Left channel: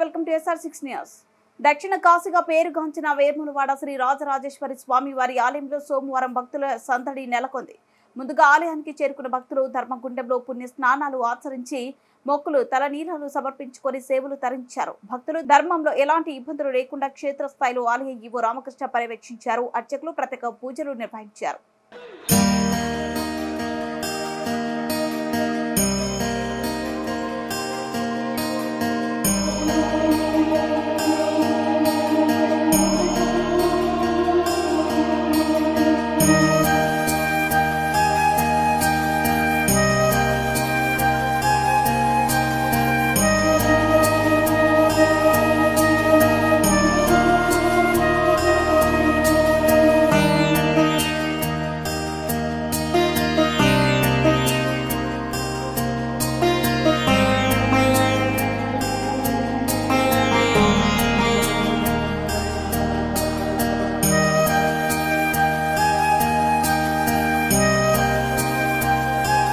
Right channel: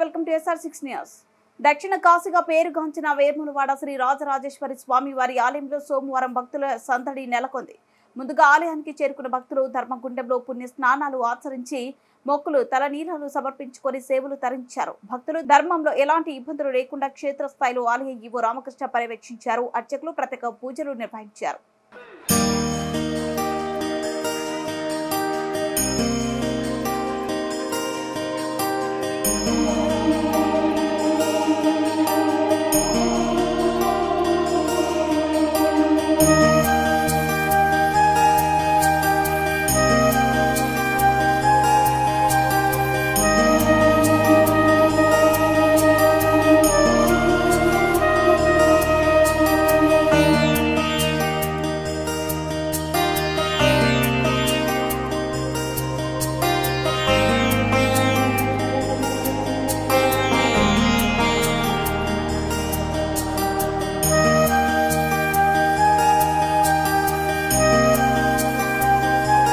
Welcome to SR6 news. దక్షిణ కాశీగా పేరుగాంచిన వేములవాడ శ్రీ రాజరాజేశ్వరి స్వామి వారి ఆలయంలో సోమవారం భక్తుల సందడి నెలకొంది. ముందుగా ఆలయానికి చేరుకున్న భక్తులు ధర్మగుండంలో పుణ్య స్నానాలు ఆచరించి మొక్కులు తలనీలాలు సమర్పించుకొని సేవలు తరించారు. భక్తులు ధర్మంలో ఎలాంటి ఇబ్బందులు లేకుండా క్షేత్రస్థాయిలో ఆలయ ఈవో రామకృష్ణ పర్యవేక్షించారు. అర్చకులు ప్రత్యేక పూజలు నిర్వహించారు.